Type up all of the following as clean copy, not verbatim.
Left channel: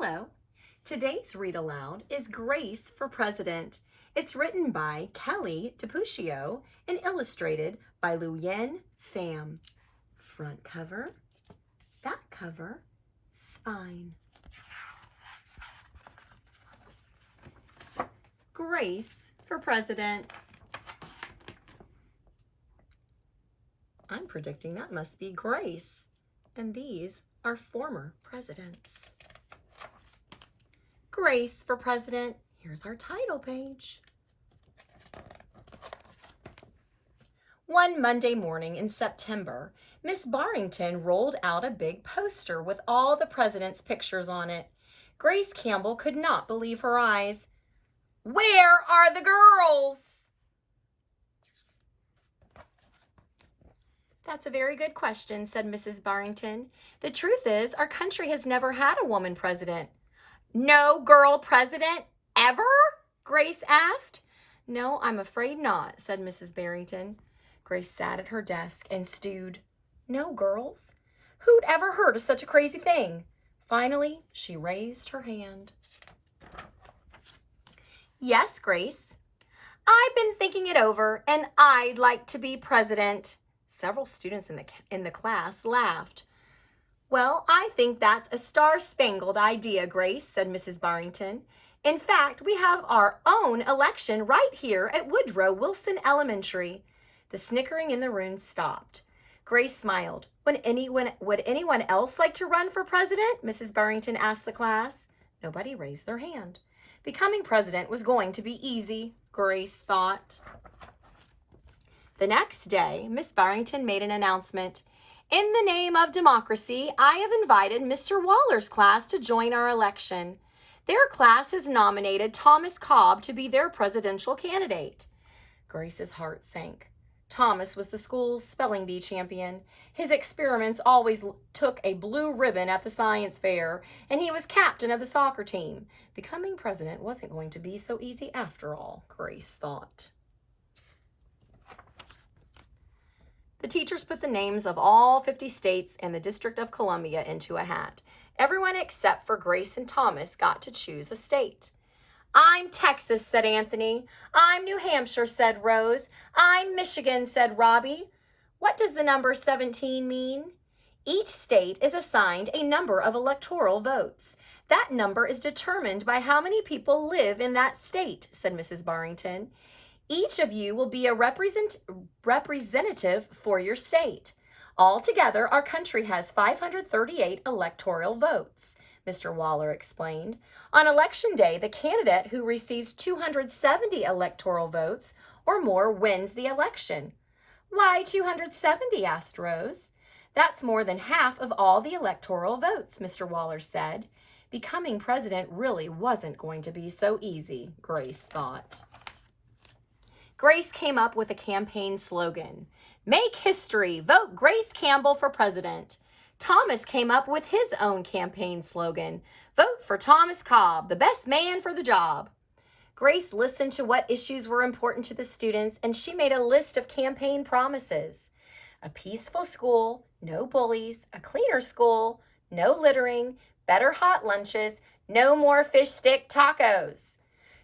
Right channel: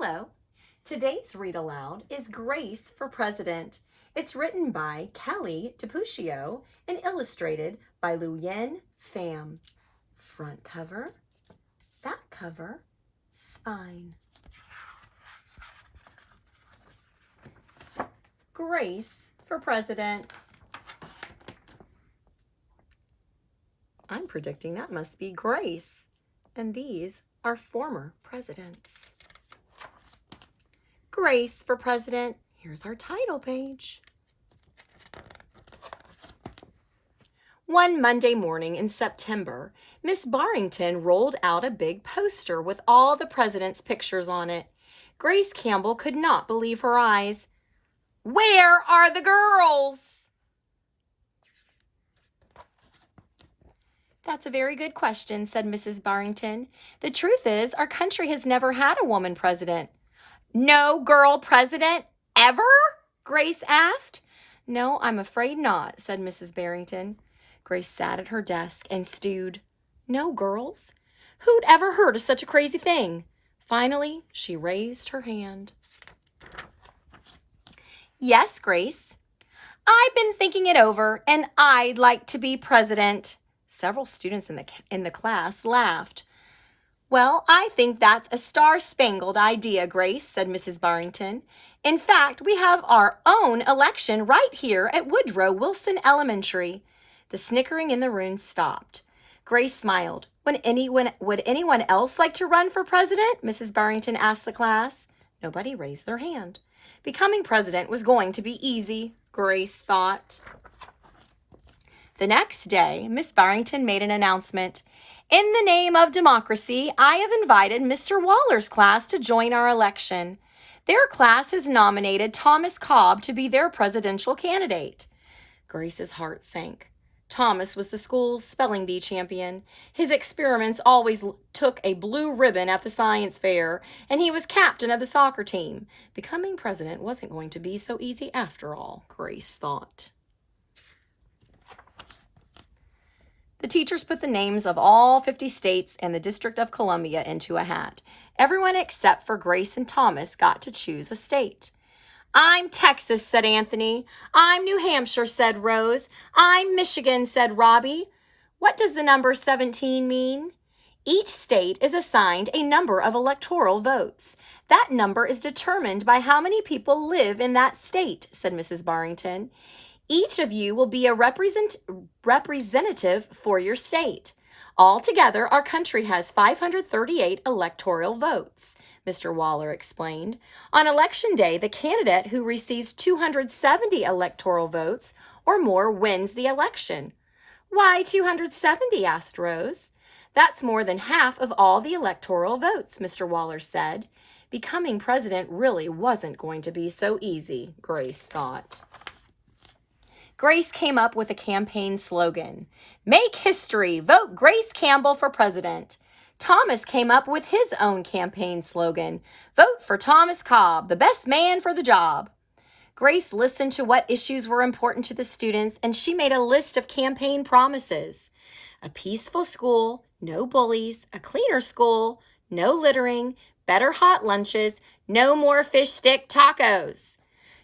Hello. Today's read aloud is Grace for President. It's written by Kelly DiPucchio and illustrated by LeUyen, Pham. Front cover, back cover, spine. Grace for President. I'm predicting that must be Grace. And these are former presidents. Grace for President. Here's our title page. One Monday morning in September, Miss Barrington rolled out a big poster with all the presidents' pictures on it. Grace Campbell could not believe her eyes. "Where are the girls?" "That's a very good question," said Mrs. Barrington. "The truth is, our country has never had a woman president." "No girl president ever?" Grace asked. "No, I'm afraid not," said Mrs. Barrington. Grace sat at her desk and stewed. No girls? Who'd ever heard of such a crazy thing? Finally, she raised her hand. "Yes, Grace. I've been thinking it over, and I'd like to be president." Several students in the class laughed. "Well, I think that's a star-spangled idea, Grace," said Mrs. Barrington. "In fact, we have our own election right here at Woodrow Wilson Elementary." The snickering in the room stopped. Grace smiled. Would anyone else like to run for president? Mrs. Barrington asked the class. Nobody raised their hand. Becoming president was going to be easy, Grace thought. The next day, Miss Barrington made an announcement. "In the name of democracy, I have invited Mr. Waller's class to join our election. Their class has nominated Thomas Cobb to be their presidential candidate." Grace's heart sank. Thomas was the school's spelling bee champion. His experiments always took a blue ribbon at the science fair, and he was captain of the soccer team. Becoming president wasn't going to be so easy after all, Grace thought. The teachers put the names of all 50 states and the District of Columbia into a hat. Everyone except for Grace and Thomas got to choose a state. "I'm Texas," said Anthony. "I'm New Hampshire," said Rose. "I'm Michigan," said Robbie. "What does the number 17 mean?" "Each state is assigned a number of electoral votes. That number is determined by how many people live in that state," said Mrs. Barrington. "Each of you will be a representative for your state. Altogether, our country has 538 electoral votes," Mr. Waller explained. "On election day, the candidate who receives 270 electoral votes or more wins the election." "Why 270?" asked Rose. "That's more than half of all the electoral votes," Mr. Waller said. Becoming president really wasn't going to be so easy, Grace thought. Grace came up with a campaign slogan. "Make history, vote Grace Campbell for president." Thomas came up with his own campaign slogan. "Vote for Thomas Cobb, the best man for the job." Grace listened to what issues were important to the students, and she made a list of campaign promises. A peaceful school, no bullies, a cleaner school, no littering, better hot lunches, no more fish stick tacos.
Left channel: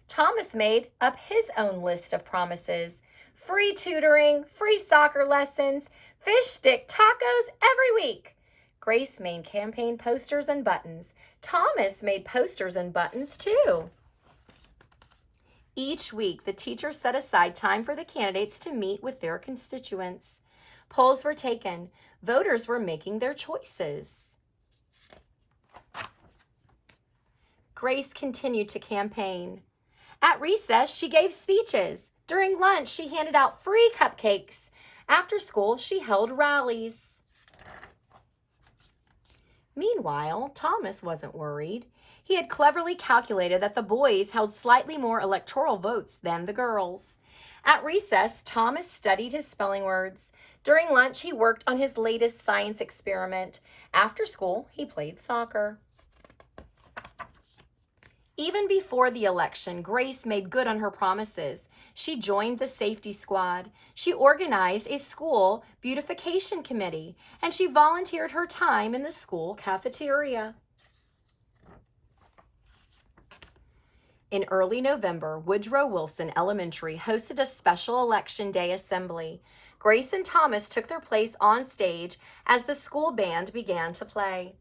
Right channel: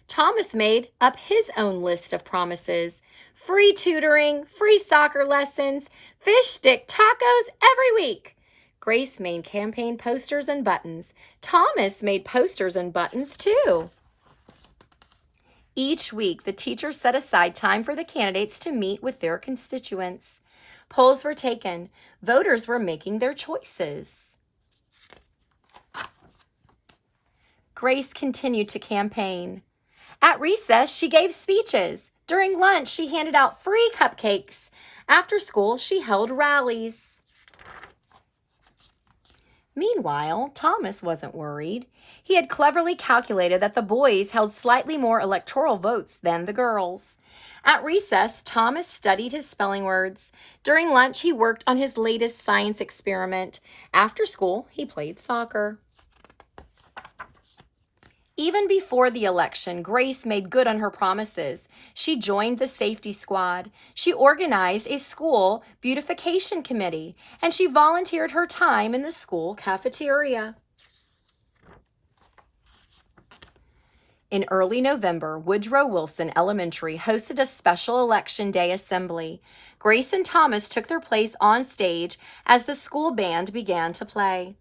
Thomas made up his own list of promises. Free tutoring, free soccer lessons, fish stick tacos every week. Grace made campaign posters and buttons. Thomas made posters and buttons too. Each week, the teachers set aside time for the candidates to meet with their constituents. Polls were taken. Voters were making their choices. Grace continued to campaign. At recess, she gave speeches. During lunch, she handed out free cupcakes. After school, she held rallies. Meanwhile, Thomas wasn't worried. He had cleverly calculated that the boys held slightly more electoral votes than the girls. At recess, Thomas studied his spelling words. During lunch, he worked on his latest science experiment. After school, he played soccer. Even before the election, Grace made good on her promises. She joined the safety squad. She organized a school beautification committee, and she volunteered her time in the school cafeteria. In early November, Woodrow Wilson Elementary hosted a special Election Day assembly. Grace and Thomas took their place on stage as the school band began to play.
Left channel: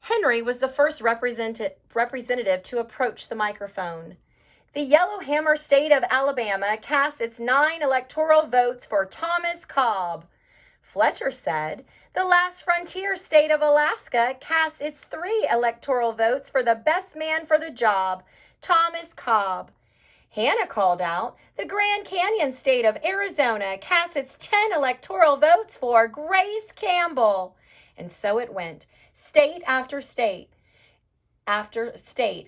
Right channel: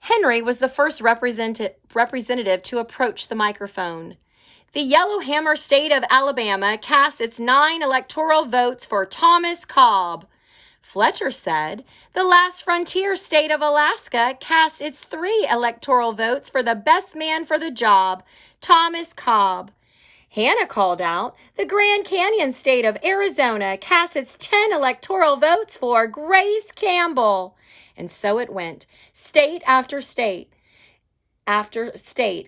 Henry was the first representative to approach the microphone. The Yellowhammer State of Alabama cast its 9 electoral votes for Thomas Cobb. Fletcher said, the last frontier state of Alaska cast its 3 electoral votes for the best man for the job, Thomas Cobb. Hannah called out, the Grand Canyon state of Arizona cast its 10 electoral votes for Grace Campbell. And so it went. State after state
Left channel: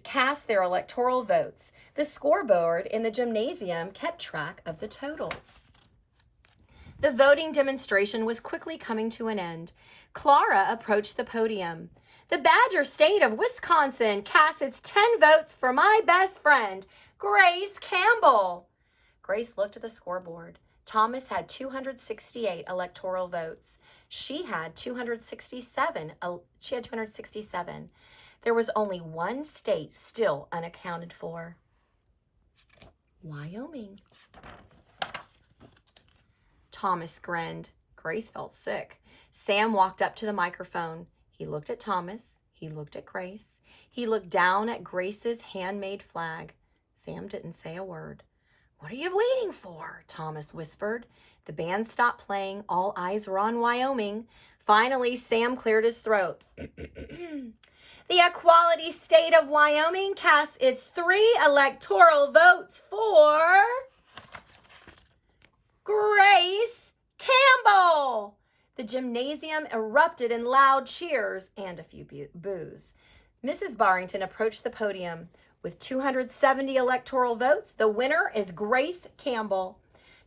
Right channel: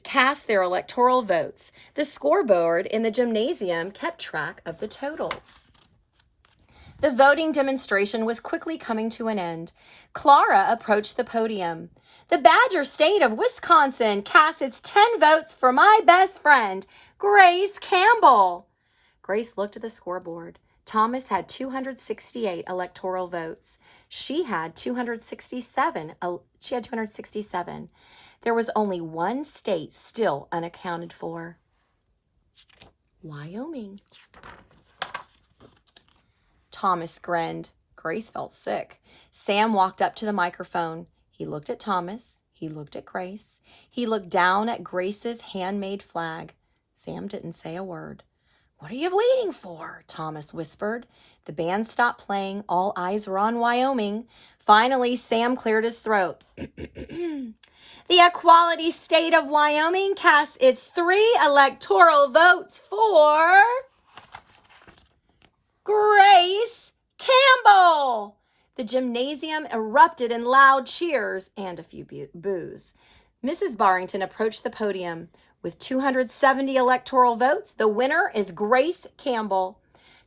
cast their electoral votes. The scoreboard in the gymnasium kept track of the totals. The voting demonstration was quickly coming to an end. Clara approached the podium. The Badger State of Wisconsin cast its 10 votes for my best friend, Grace Campbell. Grace looked at the scoreboard. Thomas had 268 electoral votes. She had 267. There was only one state still unaccounted for. Wyoming. Thomas grinned. Grace felt sick. Sam walked up to the microphone. He looked at Thomas. He looked at Grace. He looked down at Grace's handmade flag. Sam didn't say a word. What are you waiting for? Thomas whispered. The band stopped playing. All eyes were on Wyoming. Finally, Sam cleared his throat. The Equality State of Wyoming cast its 3 electoral votes for Grace Campbell. The gymnasium erupted in loud cheers and a few boos. Mrs. Barrington approached the podium. With 270 electoral votes, the winner is Grace Campbell.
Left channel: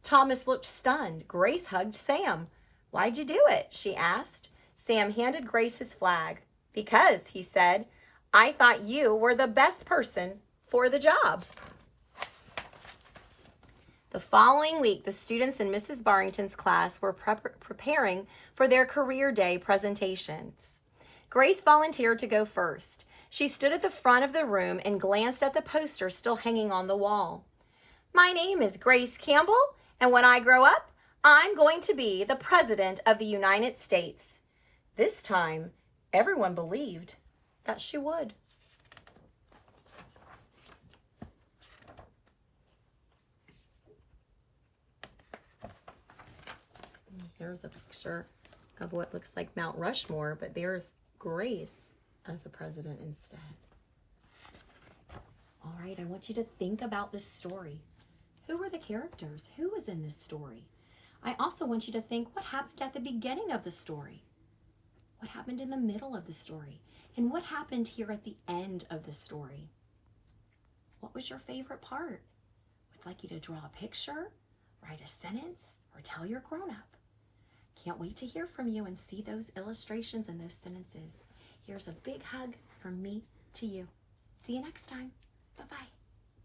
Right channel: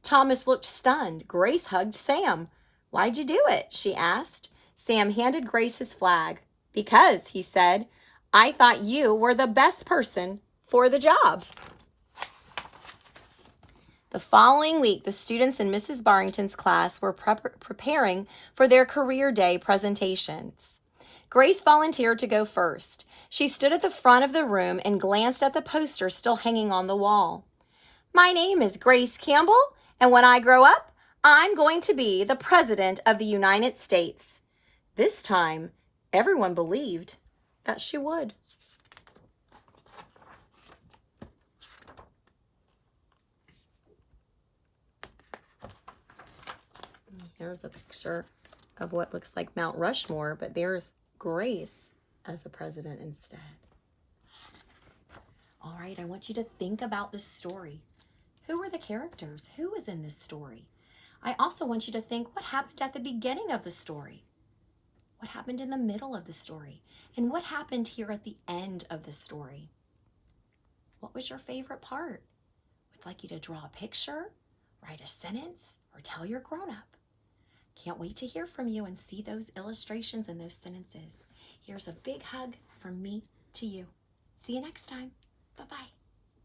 Thomas looked stunned. Grace hugged Sam. Why'd you do it? She asked. Sam handed Grace his flag. Because, he said, I thought you were the best person for the job. The following week, the students in Mrs. Barrington's class were preparing for their career day presentations. Grace volunteered to go first. She stood at the front of the room and glanced at the poster still hanging on the wall. My name is Grace Campbell, and when I grow up, I'm going to be the President of the United States. This time, everyone believed that she would. Here's a picture of what looks like Mount Rushmore, but there's Grace as the president instead. All right, I want you to think about this story. Who were the characters? Who was in this story? I also want you to think what happened at the beginning of the story. What happened in the middle of the story? And what happened here at the end of the story? What was your favorite part? Would like you to draw a picture, write a sentence, or tell your grown-up. Can't wait to hear from you and see those illustrations and those sentences. Here's a big hug from me to you. See you next time. Bye-bye.